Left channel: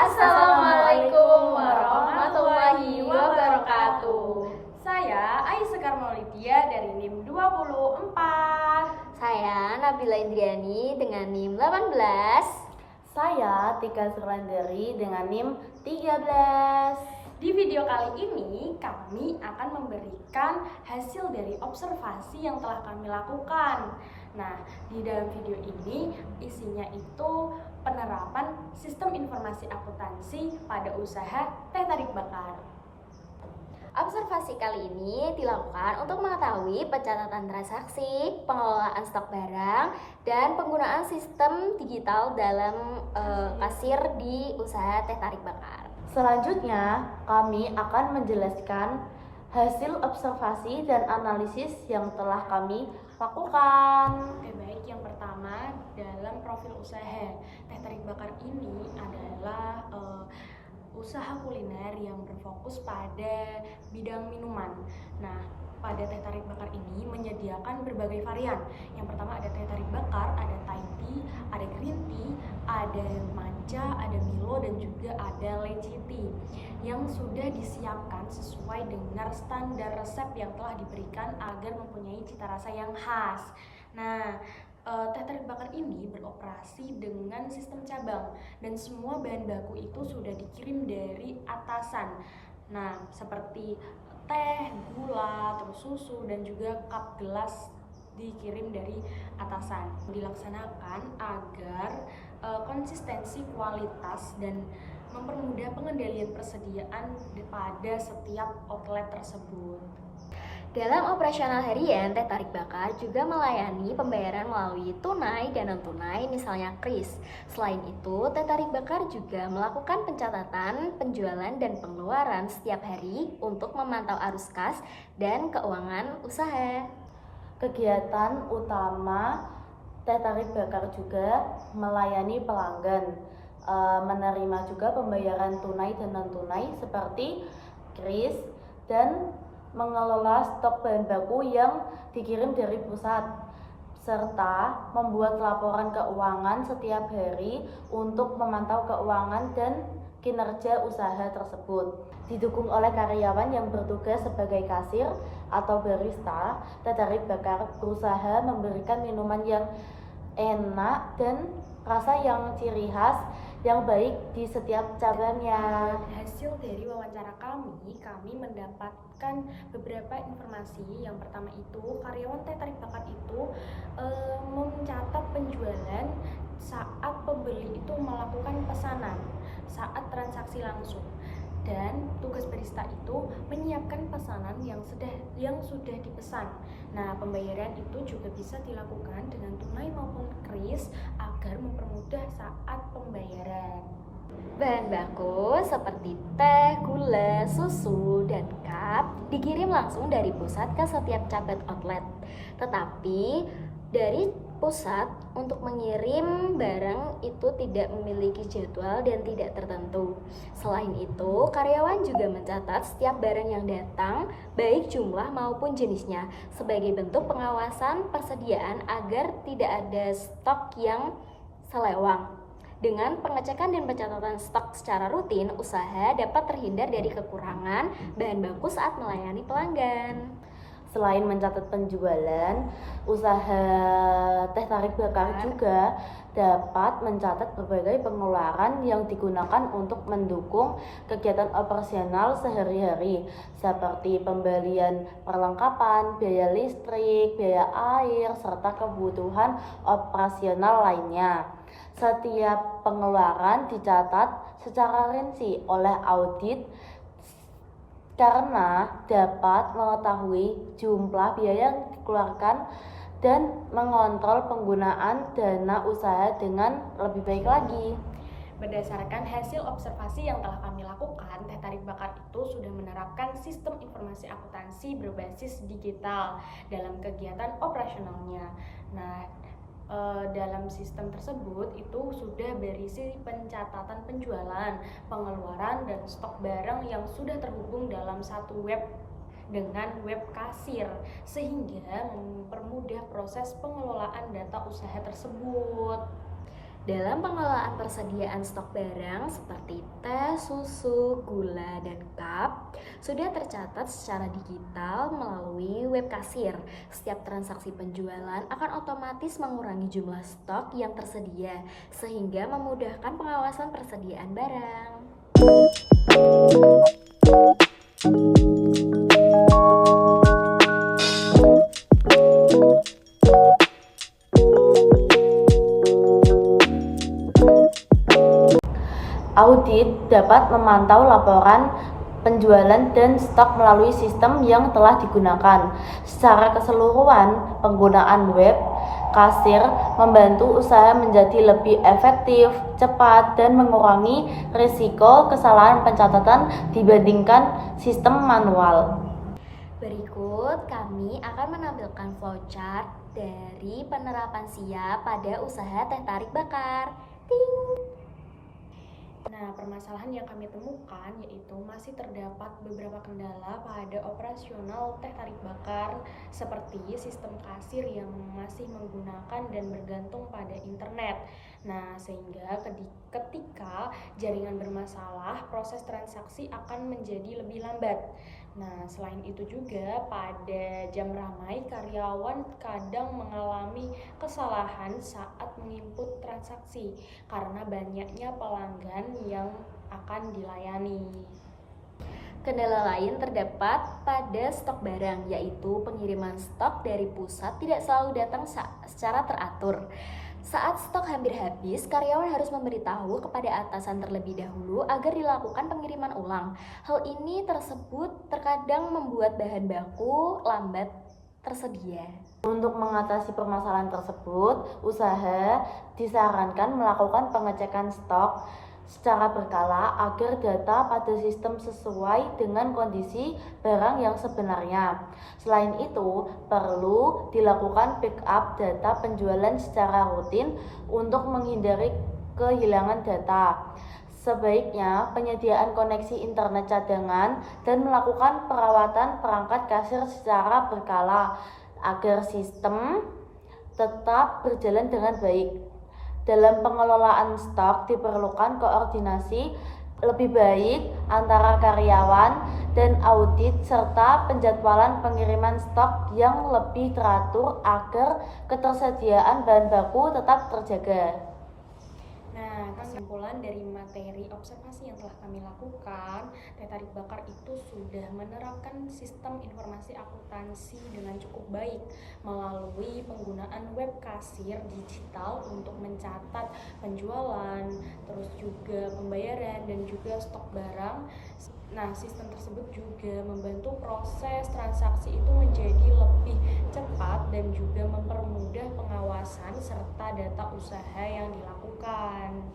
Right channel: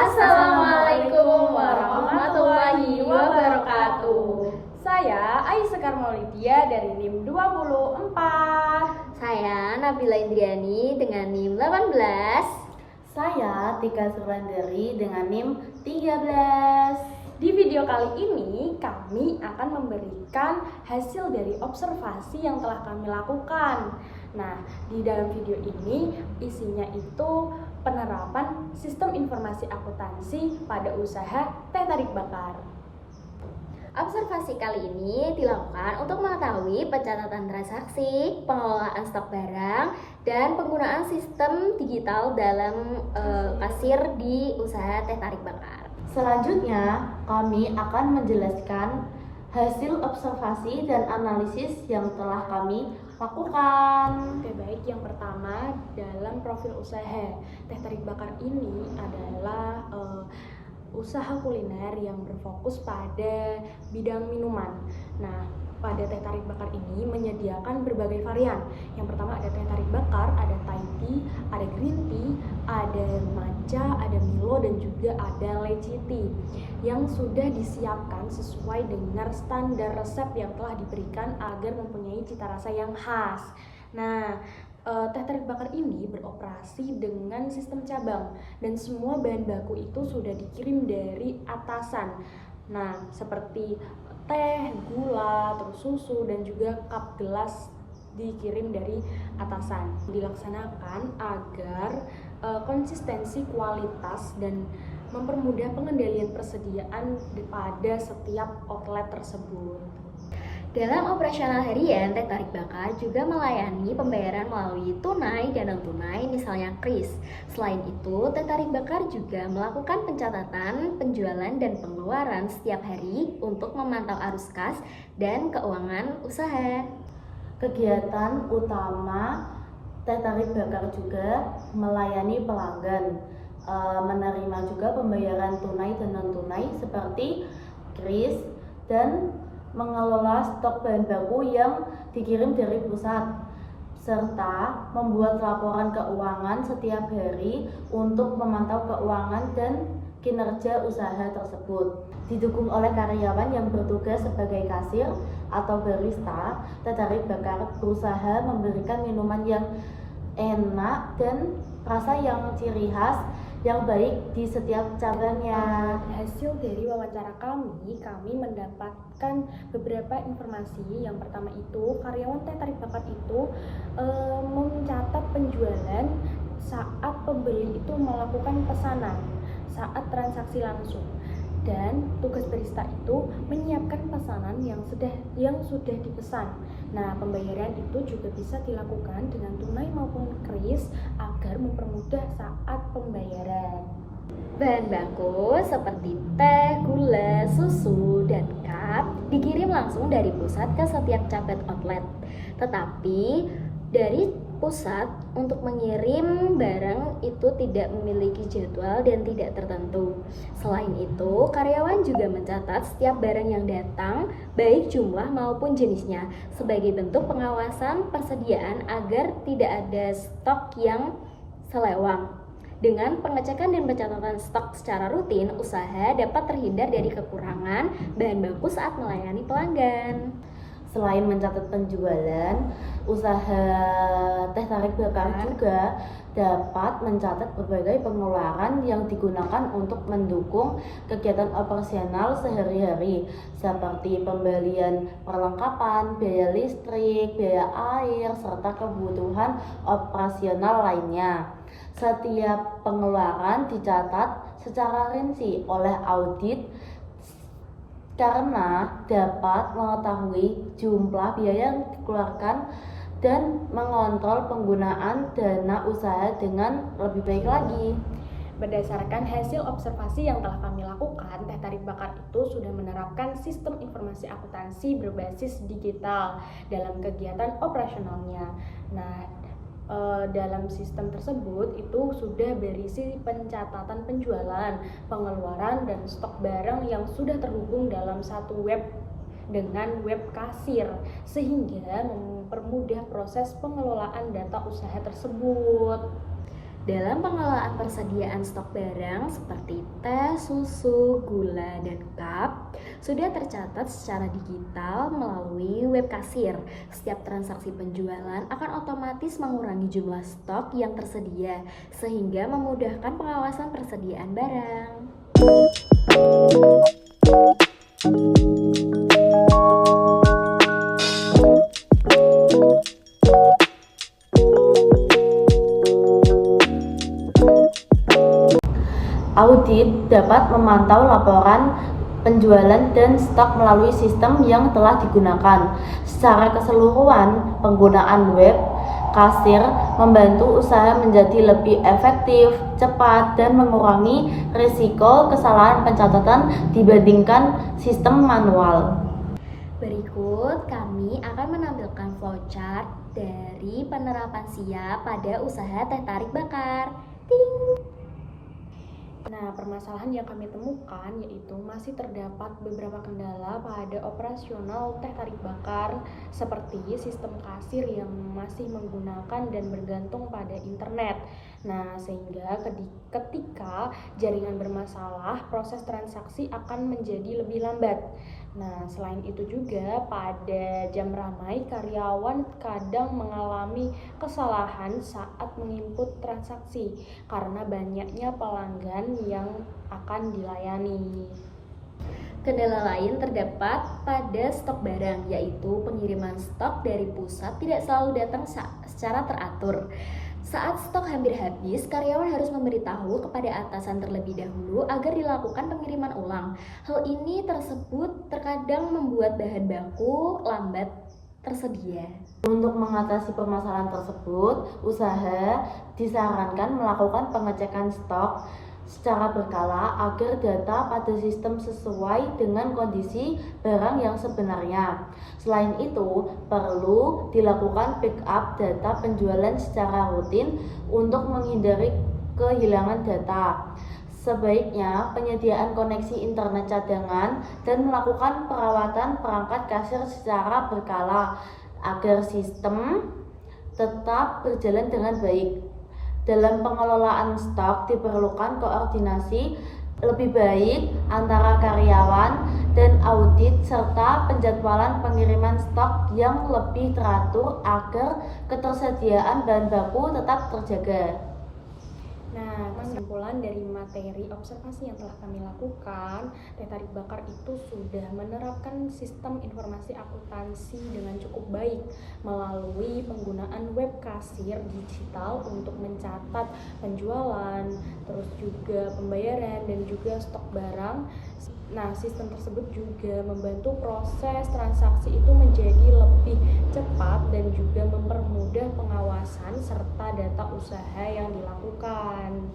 Assalamualaikum warahmatullahi wabarakatuh. Saya Aisyah Maulidia dari NIM 24. Saya Nabila Indriani dengan NIM 18. Saya Tika Surandari dengan NIM 13. Di video kali ini kami akan memberikan hasil dari observasi yang telah kami lakukan. Nah, di dalam video ini isinya itu penerapan sistem informasi akuntansi pada usaha teh tarik bakar. Observasi kali ini dilakukan untuk mengetahui pencatatan transaksi, pengelolaan stok barang, dan penggunaan sistem digital dalam kasir di usaha teh tarik bakar. Selanjutnya, kami akan menjelaskan hasil observasi dan analisis yang telah kami lakukan. Oke, baik. Yang pertama, dalam profil usaha teh tarik bakar ini adalah usaha kuliner yang berfokus pada bidang minuman. Nah, pada teh tarik bakar ini menyediakan berbagai varian. Yang pertama ada teh tarik bakar, ada Thai tea, ada green tea, ada matcha, ada Milo, dan juga ada lychee tea yang sudah disiapkan sesuai dengan standar resep yang telah diberikan agar mempunyai cita rasa yang khas. Nah, teh tarik bakar ini beroperasi dengan sistem cabang dan semua bahan baku itu sudah dikirim dari atasan. Nah, seperti teh, gula, terus susu, dan juga cup gelas dikirim dari atasan. Dilaksanakan agar konsistensi kualitas dan mempermudah pengendalian persediaan pada setiap outlet tersebut. Dalam operasional harian, teh tarik bakar juga melayani pembayaran melalui tunai dan non-tunai, misalnya kris. Selain itu, teh tarik bakar juga melakukan pencatatan, penjualan, dan pengeluaran setiap hari untuk memantau arus kas dan keuangan usaha. Kegiatan utama teh tarik bakar juga melayani pelanggan, menerima juga pembayaran tunai dan non-tunai seperti kris, dan mengelola stok bahan baku yang dikirim dari pusat, serta membuat laporan keuangan setiap hari untuk memantau keuangan dan kinerja usaha tersebut. Didukung oleh karyawan yang bertugas sebagai kasir atau barista, teh tarik bakar berusaha memberikan minuman yang enak dan rasa yang ciri khas yang baik di setiap cabangnya. Hasil dari wawancara kami mendapatkan beberapa informasi. Yang pertama itu, karyawan teh tarik bakar itu mencatat penjualan saat pembeli itu melakukan pesanan saat transaksi langsung. Dan tugas barista itu menyiapkan pesanan yang sudah dipesan. Nah, pembayaran itu juga bisa dilakukan dengan tunai maupun kris agar mempermudah saat pembayaran. Bahan baku seperti teh, gula, susu, dan cup dikirim langsung dari pusat ke setiap cabang outlet. Tetapi dari pusat untuk mengirim barang itu tidak memiliki jadwal dan tidak tertentu. Selain itu, karyawan juga mencatat setiap barang yang datang, baik jumlah maupun jenisnya, sebagai bentuk pengawasan persediaan agar tidak ada stok yang selewang. Dengan pengecekan dan pencatatan stok secara rutin, usaha dapat terhindar dari kekurangan bahan baku saat melayani pelanggan. Selain mencatat penjualan, usaha teh tarik bakar juga dapat mencatat berbagai pengeluaran yang digunakan untuk mendukung kegiatan operasional sehari-hari, seperti pembelian perlengkapan, biaya listrik, biaya air, serta kebutuhan operasional lainnya. Setiap pengeluaran dicatat secara rinci oleh audit karena dapat mengetahui jumlah biaya yang dikeluarkan dan mengontrol penggunaan dana usaha dengan lebih baik lagi. Berdasarkan hasil observasi yang telah kami lakukan, teh tarik bakar itu sudah menerapkan sistem informasi akuntansi berbasis digital dalam kegiatan operasionalnya. Nah, dalam sistem tersebut itu sudah berisi pencatatan penjualan, pengeluaran, dan stok barang yang sudah terhubung dalam satu web dengan web kasir, sehingga mempermudah proses pengelolaan data usaha tersebut. Dalam pengelolaan persediaan stok barang seperti teh, susu, gula, dan cup sudah tercatat secara digital melalui web kasir. Setiap transaksi penjualan akan otomatis mengurangi jumlah stok yang tersedia sehingga memudahkan pengawasan persediaan barang. Audit dapat memantau laporan penjualan dan stok melalui sistem yang telah digunakan. Secara keseluruhan, penggunaan web kasir membantu usaha menjadi lebih efektif, cepat, dan mengurangi risiko kesalahan pencatatan dibandingkan sistem manual. Berikut kami akan menampilkan flowchart dari penerapan SIA pada usaha teh tarik bakar. Ting! Nah, permasalahan yang kami temukan yaitu masih terdapat beberapa kendala pada operasional teh tarik bakar seperti sistem kasir yang masih menggunakan dan bergantung pada internet. Nah, sehingga ketika jaringan bermasalah, proses transaksi akan menjadi lebih lambat. Nah, selain itu juga pada jam ramai karyawan kadang mengalami kesalahan saat menginput transaksi karena banyaknya pelanggan yang akan dilayani. Kendala lain terdapat pada stok barang, yaitu pengiriman stok dari pusat tidak selalu datang secara teratur. Saat stok hampir habis, karyawan harus memberitahu kepada atasan terlebih dahulu agar dilakukan pengiriman ulang. Hal ini terkadang membuat bahan baku lambat tersedia. Untuk mengatasi permasalahan tersebut, usaha disarankan melakukan pengecekan stok secara berkala agar data pada sistem sesuai dengan kondisi barang yang sebenarnya. Selain itu, perlu dilakukan backup data penjualan secara rutin untuk menghindari kehilangan data. Sebaiknya penyediaan koneksi internet cadangan dan melakukan perawatan perangkat kasir secara berkala agar sistem tetap berjalan dengan baik. Dalam pengelolaan stok diperlukan koordinasi lebih baik antara karyawan dan audit serta penjadwalan pengiriman stok yang lebih teratur agar ketersediaan bahan baku tetap terjaga. Nah, kesimpulan dari materi observasi yang telah kami lakukan, teh tarik bakar itu sudah menerapkan sistem informasi akuntansi dengan cukup baik melalui penggunaan web kasir digital untuk mencatat penjualan, terus juga pembayaran dan juga stok barang. Nah, sistem tersebut juga membantu proses transaksi itu menjadi lebih cepat dan juga mempermudah pengawasan serta data usaha yang dilakukan.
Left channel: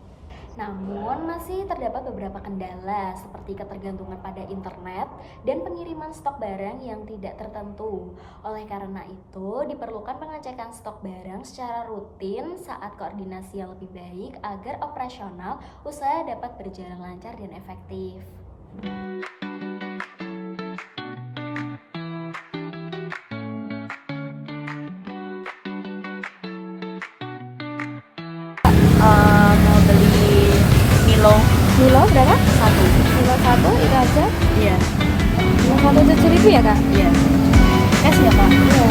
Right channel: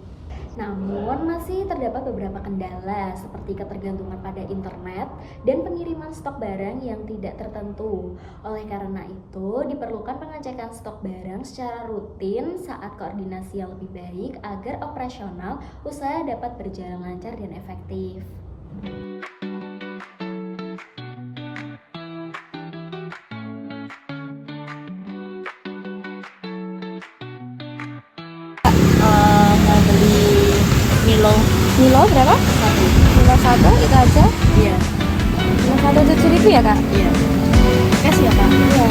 Namun masih terdapat beberapa kendala seperti ketergantungan pada internet dan pengiriman stok barang yang tidak tertentu. Oleh karena itu, diperlukan pengecekan stok barang secara rutin saat koordinasi yang lebih baik agar operasional usaha dapat berjalan lancar dan efektif. Mau beli Milo Milo berapa? satu. Milo satu itu aja. Iya. Milo satu 7.000 ya kak? Iya. Es ya kak? Iya.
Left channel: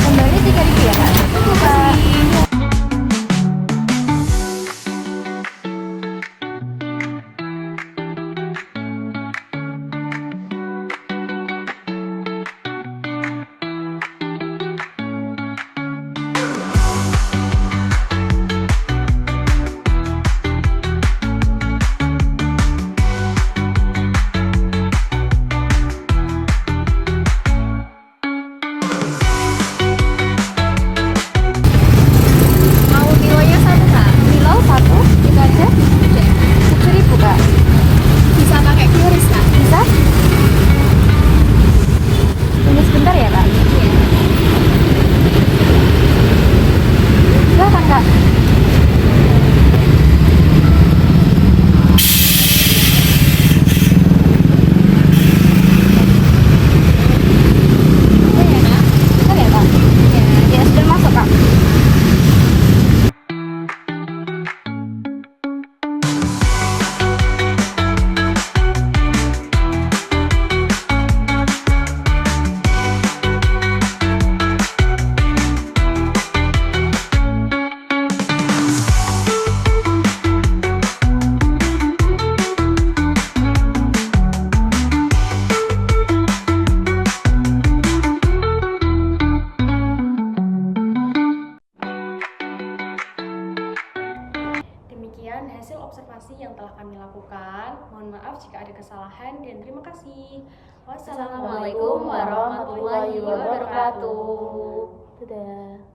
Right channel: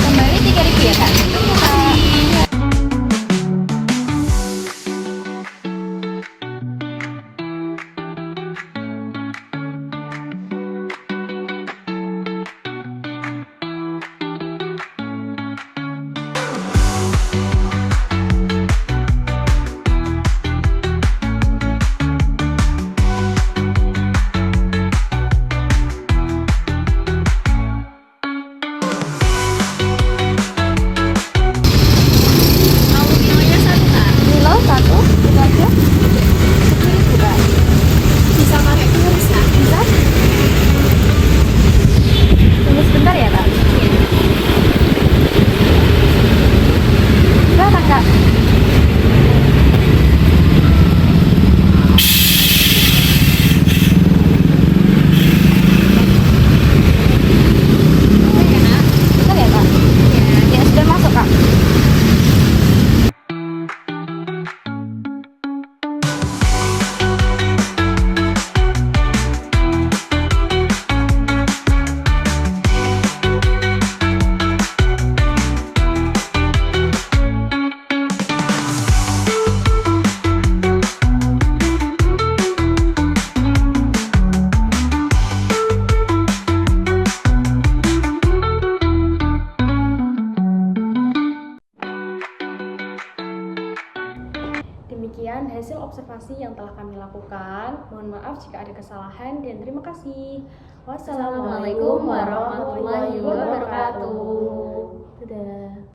Kembali 3.000 ya kak? sekian hasil observasi yang telah kami lakukan. Mohon maaf jika ada kesalahan dan terima kasih. Assalamualaikum warahmatullahi wabarakatuh. Dadah.